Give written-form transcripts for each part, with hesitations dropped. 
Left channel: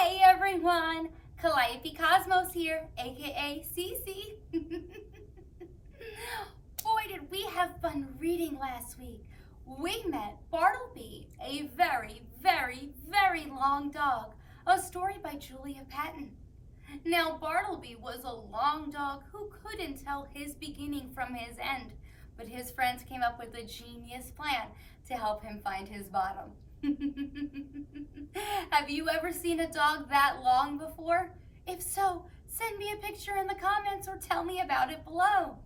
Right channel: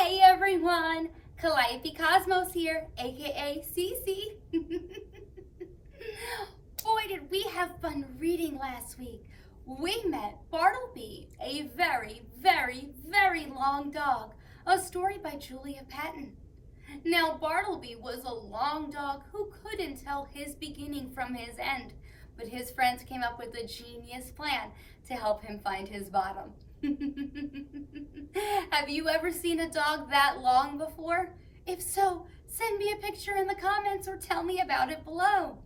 Hey everyone, Calliope Cosmos here, aka Cece. Boy, did we have fun reading last week. We met Bartleby, a very, very, very long dog, a story by Julia Patton. Now, Bartleby was a long dog who couldn't tell his beginning from his end, but his friends came up with a genius plan to help him find his bottom. Have you ever seen a dog that long before? If so, send me a picture in the comments or tell me about it below.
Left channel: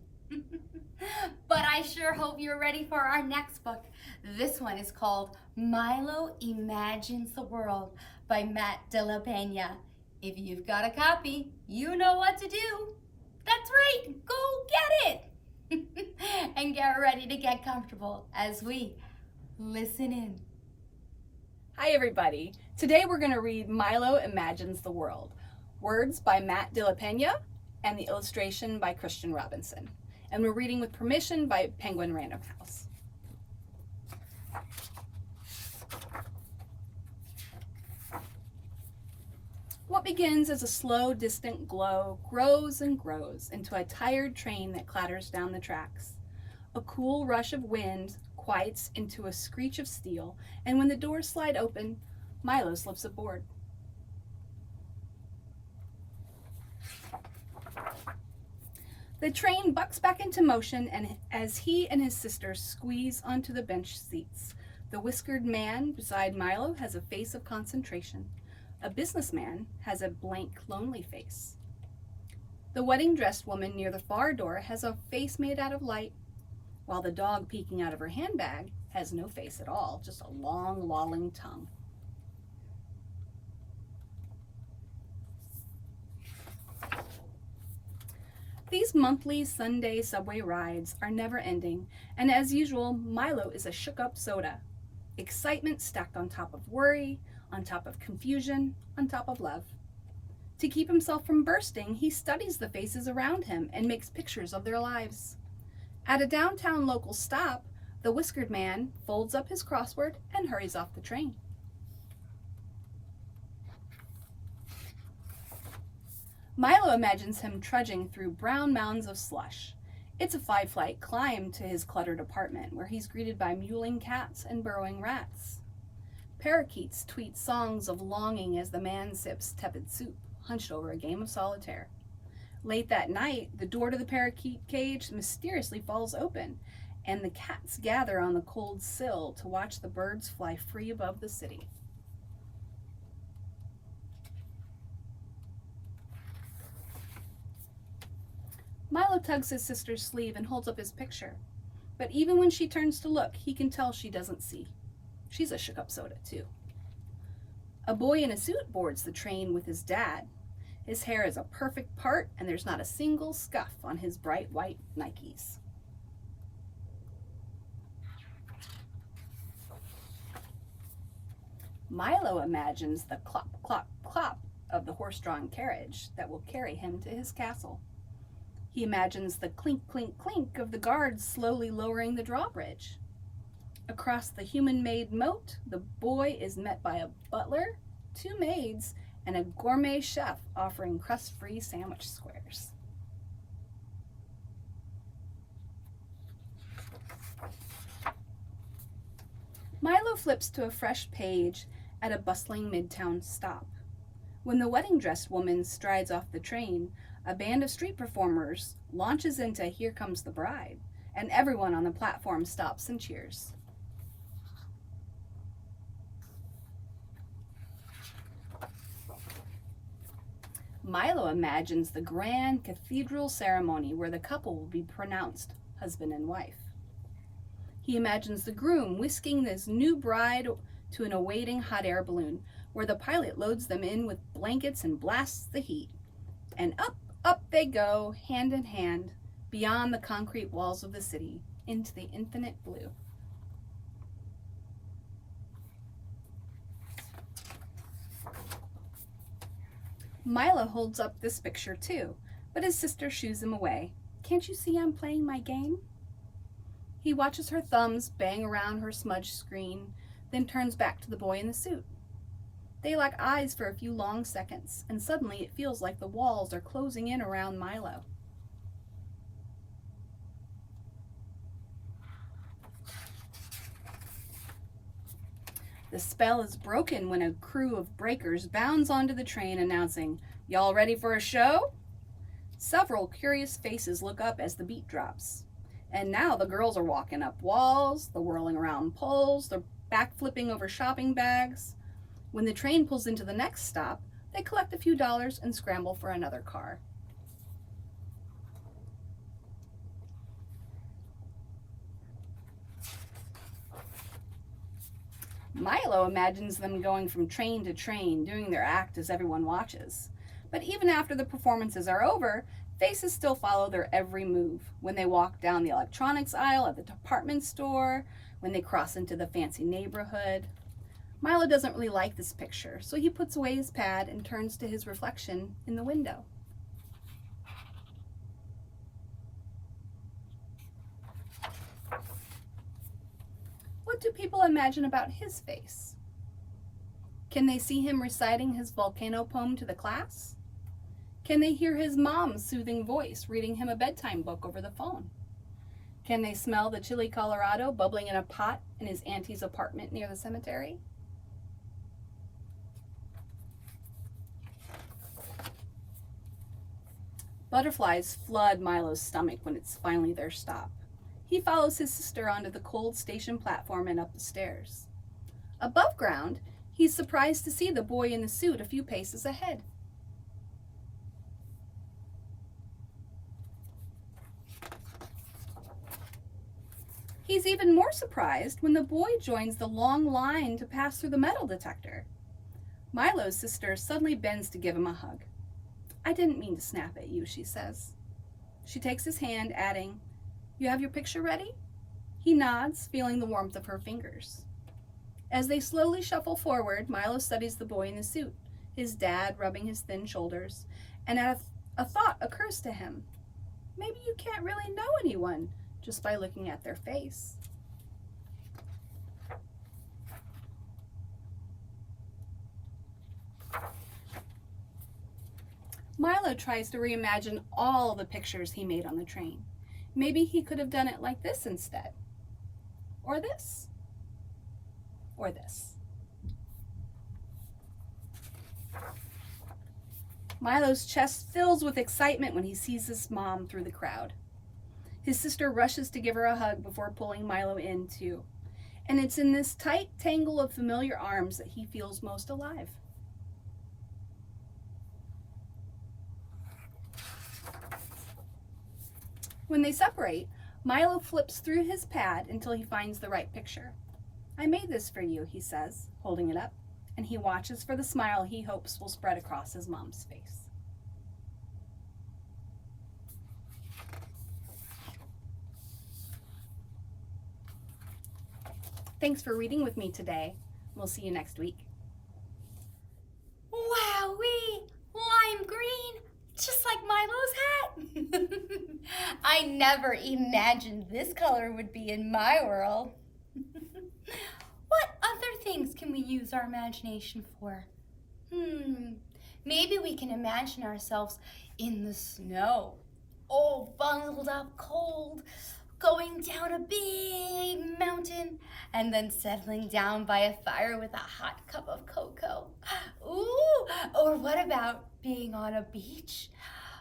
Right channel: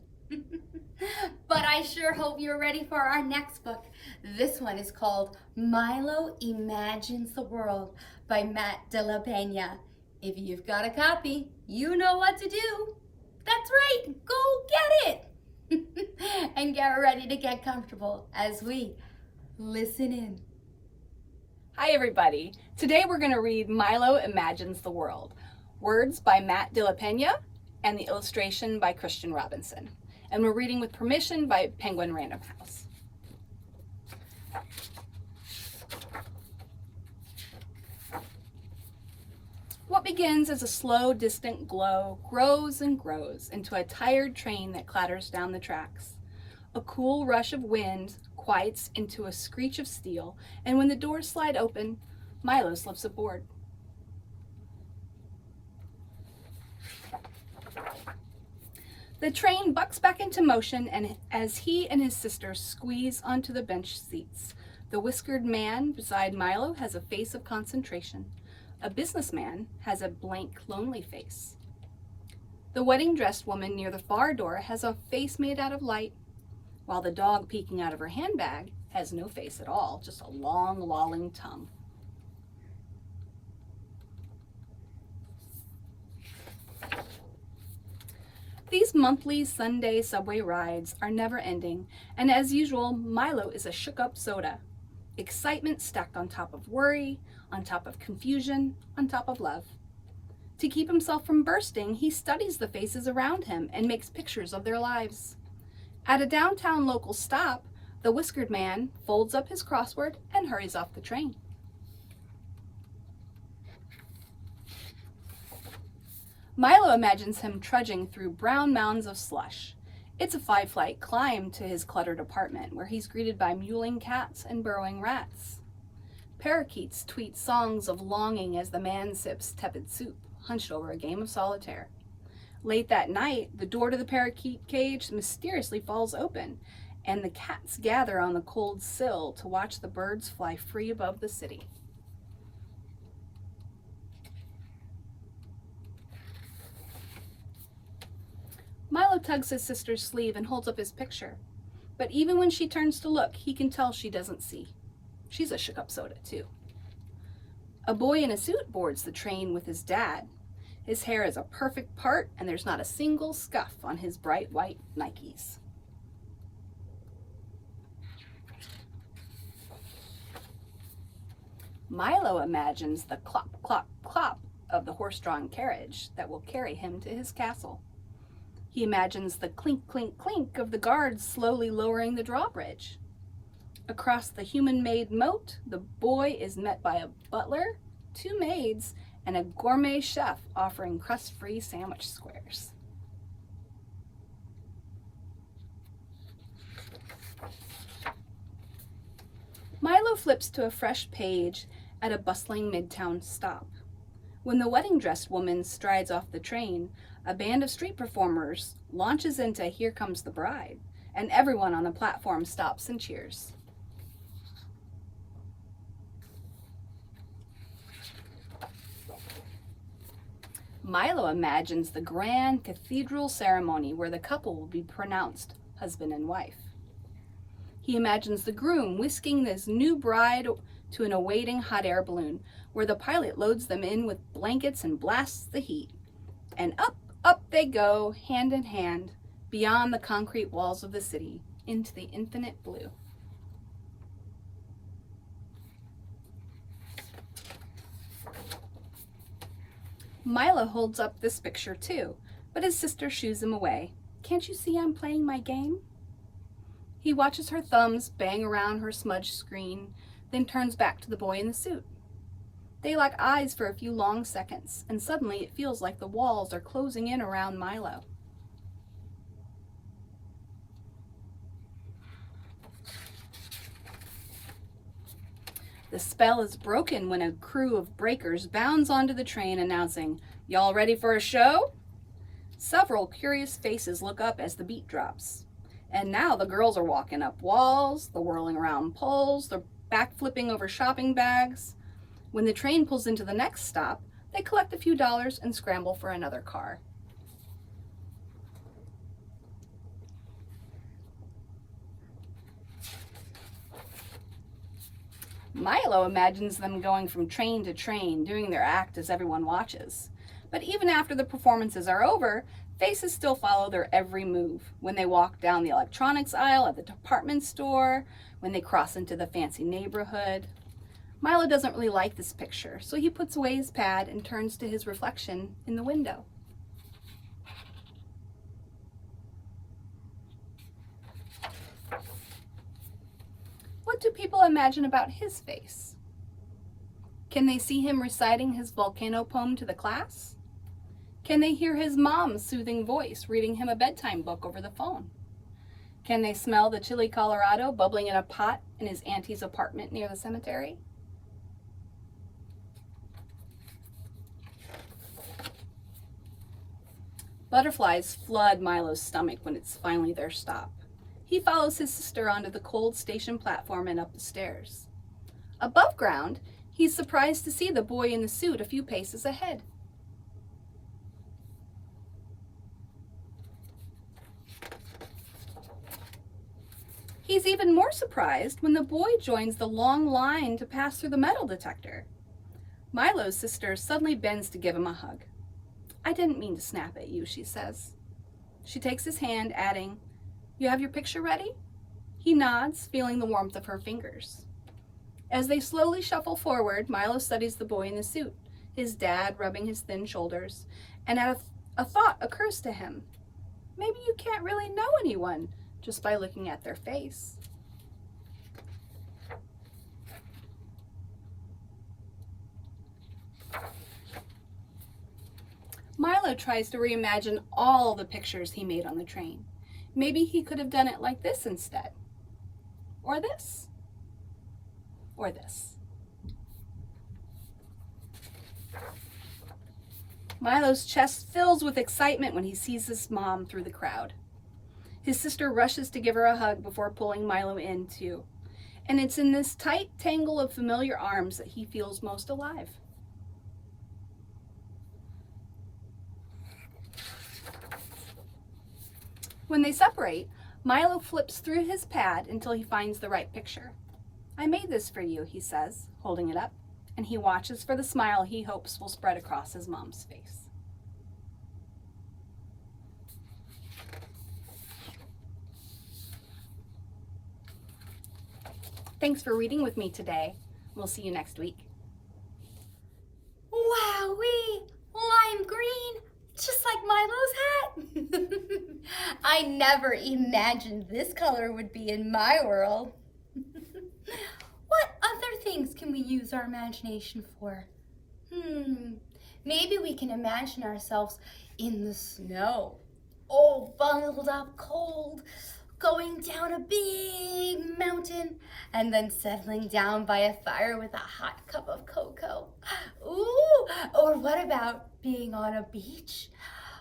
But I sure hope you're ready for our next book. This one is called Milo Imagines the World by Matt de la Pena. If you've got a copy, you know what to do. That's right, go get it. And get ready to get comfortable as we listen in. Hi everybody. Today we're going to read Milo Imagines the World. Words by Matt de la Pena and the illustration by Christian Robinson. And we're reading with permission by Penguin Random House. What begins as a slow, distant glow grows and grows into a tired train that clatters down the tracks. A cool rush of wind quiets into a screech of steel, and when the doors slide open, Milo slips aboard. The train bucks back into motion, and as he and his sister squeeze onto the bench seats, the whiskered man beside Milo has a face of concentration. A businessman has a blank, lonely face. The wedding-dressed woman near the far door has a face made out of light, while the dog peeking out of her handbag has no face at all, just a long, lolling tongue. These monthly Sunday subway rides are never ending, and as usual, Milo is a shook-up soda. Excitement stacked on top of worry, on top of confusion, on top of love. To keep himself from bursting, he studies the faces around him and makes pictures of their lives. At a downtown local stop, the whiskered man folds up his crossword and hurries off the train. Milo imagines him trudging through brown mounds of slush. It's a 5-flight climb to his cluttered apartment, where he's greeted by mewling cats and burrowing rats. Parakeets tweet songs of longing as the man sips tepid soup, hunched over a game of solitaire. Late that night, the door to the parakeet cage mysteriously falls open, and the cats gather on the cold sill to watch the birds fly free above the city. Milo tugs his sister's sleeve and holds up his picture, but even when she turns to look, he can tell she doesn't see. She's a shook-up soda, too. A boy in a suit boards the train with his dad. His hair is a perfect part, and there's not a single scuff on his bright white Nikes. Milo imagines the clop, clop, clop of the horse-drawn carriage that will carry him to his castle. He imagines the clink, clink, clink of the guards slowly lowering the drawbridge. Across the human-made moat, the boy is met by a butler, 2 maids, and a gourmet chef offering crust-free sandwich squares. Milo flips to a fresh page at a bustling midtown stop. When the wedding-dressed woman strides off the train, a band of street performers launches into Here Comes the Bride, and everyone on the platform stops and cheers. Milo imagines the grand cathedral ceremony where the couple will be pronounced husband and wife. He imagines the groom whisking this new bride to an awaiting hot air balloon, where the pilot loads them in with blankets and blasts the heat. And up, up they go, hand in hand, beyond the concrete walls of the city, into the infinite blue. Milo holds up this picture too, but his sister shoos him away. Can't you see I'm playing my game? He watches her thumbs bang around her smudged screen, then turns back to the boy in the suit. They lock eyes for a few long seconds, and suddenly it feels like the walls are closing in around Milo. The spell is broken when a crew of breakers bounds onto the train announcing, "Y'all ready for a show?" Several curious faces look up as the beat drops. And now the girls are walking up walls, they're whirling around poles, they're backflipping over shopping bags. When the train pulls into the next stop, they collect a few dollars and scramble for another car. Milo imagines them going from train to train, doing their act as everyone watches. But even after the performances are over, faces still follow their every move. When they walk down the electronics aisle at the department store, when they cross into the fancy neighborhood. Milo doesn't really like this picture, so he puts away his pad and turns to his reflection in the window. What do people imagine about his face? Can they see him reciting his volcano poem to the class? Can they hear his mom's soothing voice reading him a bedtime book over the phone? Can they smell the chili Colorado bubbling in a pot in his auntie's apartment near the cemetery? Butterflies flood Milo's stomach when it's finally their stop. He follows his sister onto the cold station platform and up the stairs. Above ground, he's surprised to see the boy in the suit a few paces ahead. He's even more surprised when the boy joins the long line to pass through the metal detector. Milo's sister suddenly bends to give him a hug. "I didn't mean to snap at you," she says. She takes his hand, adding, "You have your picture ready?" He nods, feeling the warmth of her fingers. As they slowly shuffle forward, Milo studies the boy in the suit, his dad rubbing his thin shoulders, and a thought occurs to him. Maybe you can't really know anyone just by looking at their face. Milo tries to reimagine all the pictures he made on the train. Maybe he could have done it like this instead. Or this. Or this. Milo's chest fills with excitement when he sees his mom through the crowd. His sister rushes to give her a hug before pulling Milo in too. And it's in this tight tangle of familiar arms that he feels most alive. When they separate, Milo flips through his pad until he finds the right picture. "I made this for you," he says, holding it up, and he watches for the smile he hopes will spread across his mom's face. Thanks for reading with me today. We'll see you next week. Wowee! Lime green! Just like Milo's hat! I never imagined this color would be in my world. What other things can we use our imagination for? Maybe we can imagine ourselves in the snow, all bundled up cold, going down a big mountain, and then settling down by a fire with a hot cup of cocoa. Ooh, or what about being on a beach?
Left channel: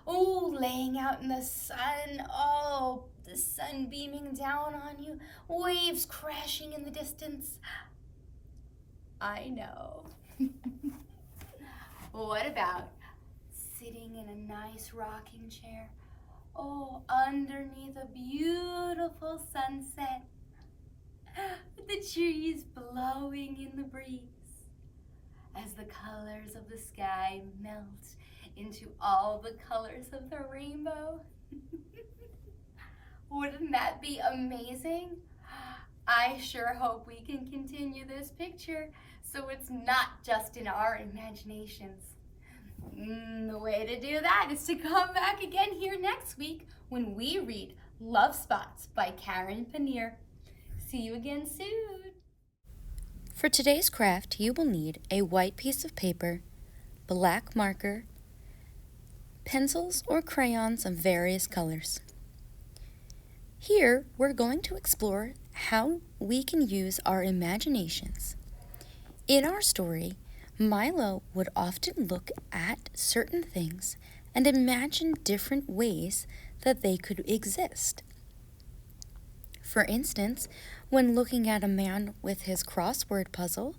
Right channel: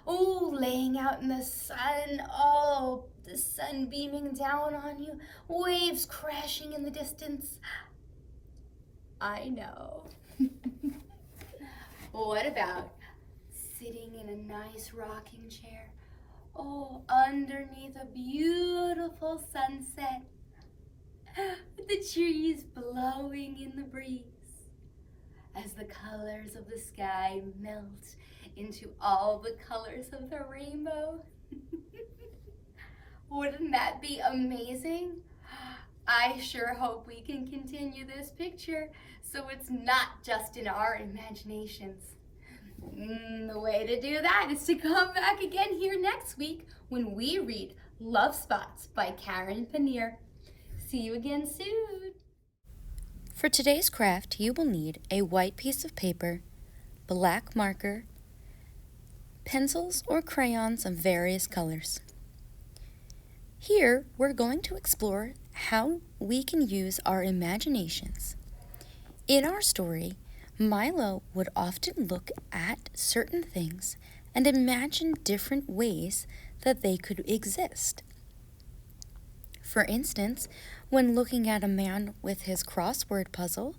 Ooh, laying out in the sun. Oh, the sun beaming down on you, waves crashing in the distance. I know. What about sitting in a nice rocking chair? Oh, underneath a beautiful sunset, with the trees blowing in the breeze, as the colors of the sky melt into all the colors of the rainbow. Wouldn't that be amazing? I sure hope we can continue this picture so it's not just in our imaginations. The way to do that is to come back again here next week when we read Love Spots by Karen Paneer. See you again soon. For today's craft, you will need a white piece of paper, black marker, pencils or crayons of various colors. Here, we're going to explore how we can use our imaginations. In our story, Milo would often look at certain things and imagine different ways that they could exist. For instance, when looking at a man with his crossword puzzle,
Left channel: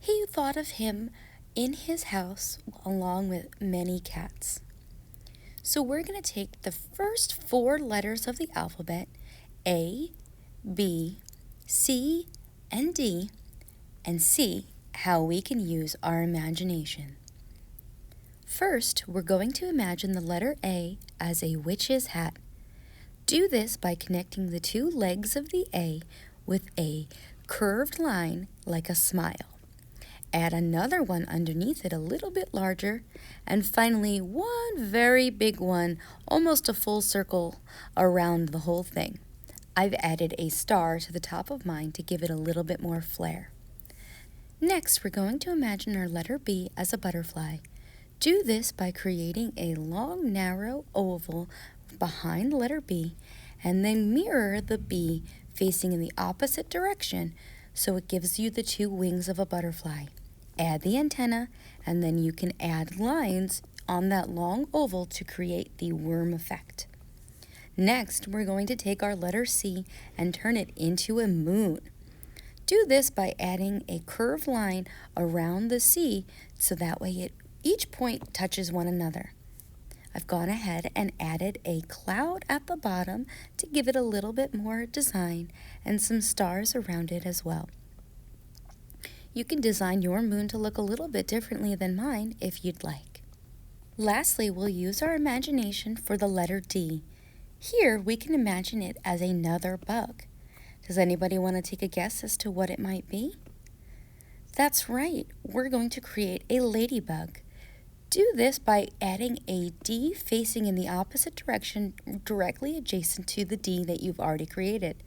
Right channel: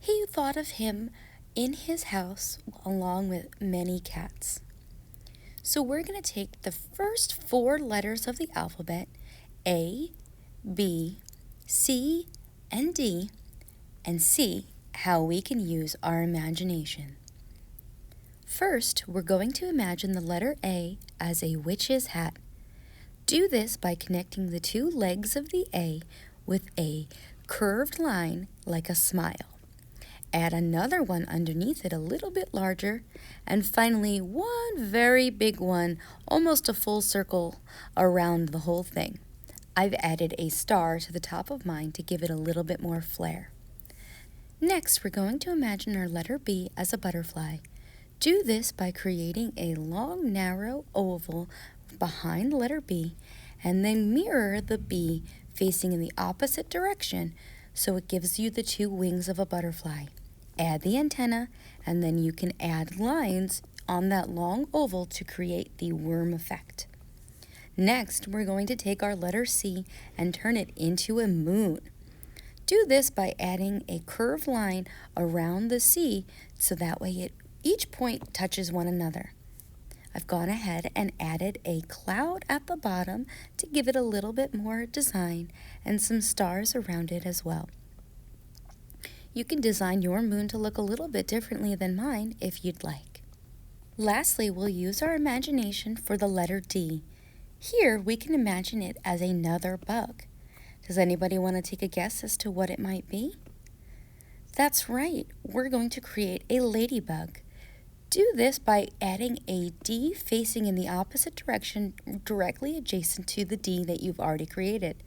he thought of him in his house along with many cats. So we're going to take the first 4 letters of the alphabet, A, B, C, and D, and see how we can use our imagination. First, we're going to imagine the letter A as a witch's hat. Do this by connecting the 2 legs of the A with a curved line like a smile. Add another one underneath it a little bit larger, and finally one very big one, almost a full circle around the whole thing. I've added a star to the top of mine to give it a little bit more flair. Next, we're going to imagine our letter B as a butterfly. Do this by creating a long, narrow oval behind the letter B, and then mirror the B facing in the opposite direction so it gives you the 2 wings of a butterfly. Add the antenna, and then you can add lines on that long oval to create the worm effect. Next, we're going to take our letter C and turn it into a moon. Do this by adding a curved line around the C so that way each point touches one another. I've gone ahead and added a cloud at the bottom to give it a little bit more design and some stars around it as well. You can design your moon to look a little bit differently than mine if you'd like. Lastly, we'll use our imagination for the letter D. Here, we can imagine it as another bug. Does anybody want to take a guess as to what it might be? That's right, we're going to create a ladybug. Do this by adding a D facing in the opposite direction directly adjacent to the D that you've already created.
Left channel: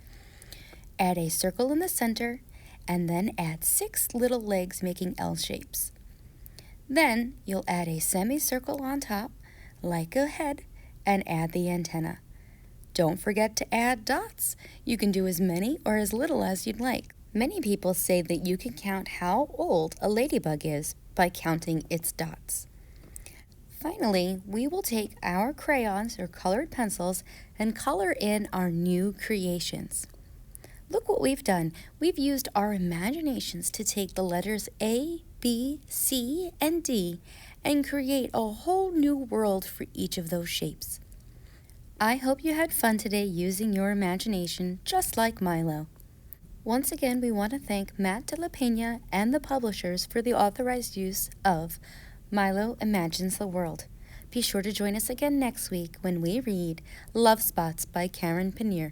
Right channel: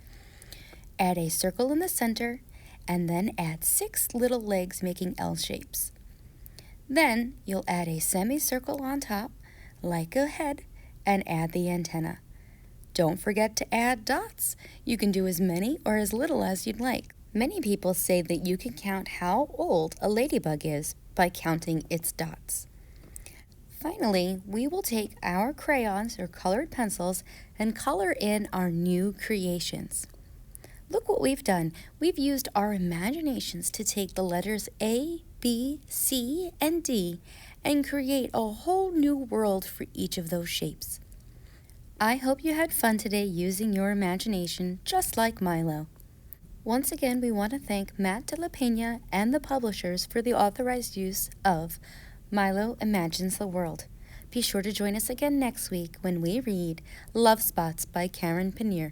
Add a circle in the center, and then add 6 little legs making L shapes. Then you'll add a semicircle on top, like a head, and add the antenna. Don't forget to add dots. You can do as many or as little as you'd like. Many people say that you can count how old a ladybug is by counting its dots. Finally, we will take our crayons or colored pencils and color in our new creations. Look what we've done. We've used our imaginations to take the letters A, B, C, and D and create a whole new world for each of those shapes. I hope you had fun today using your imagination just like Milo. Once again, we want to thank Matt de la Pena and the publishers for the authorized use of Milo Imagines the World. Be sure to join us again next week when we read Love Spots by Karen Pena.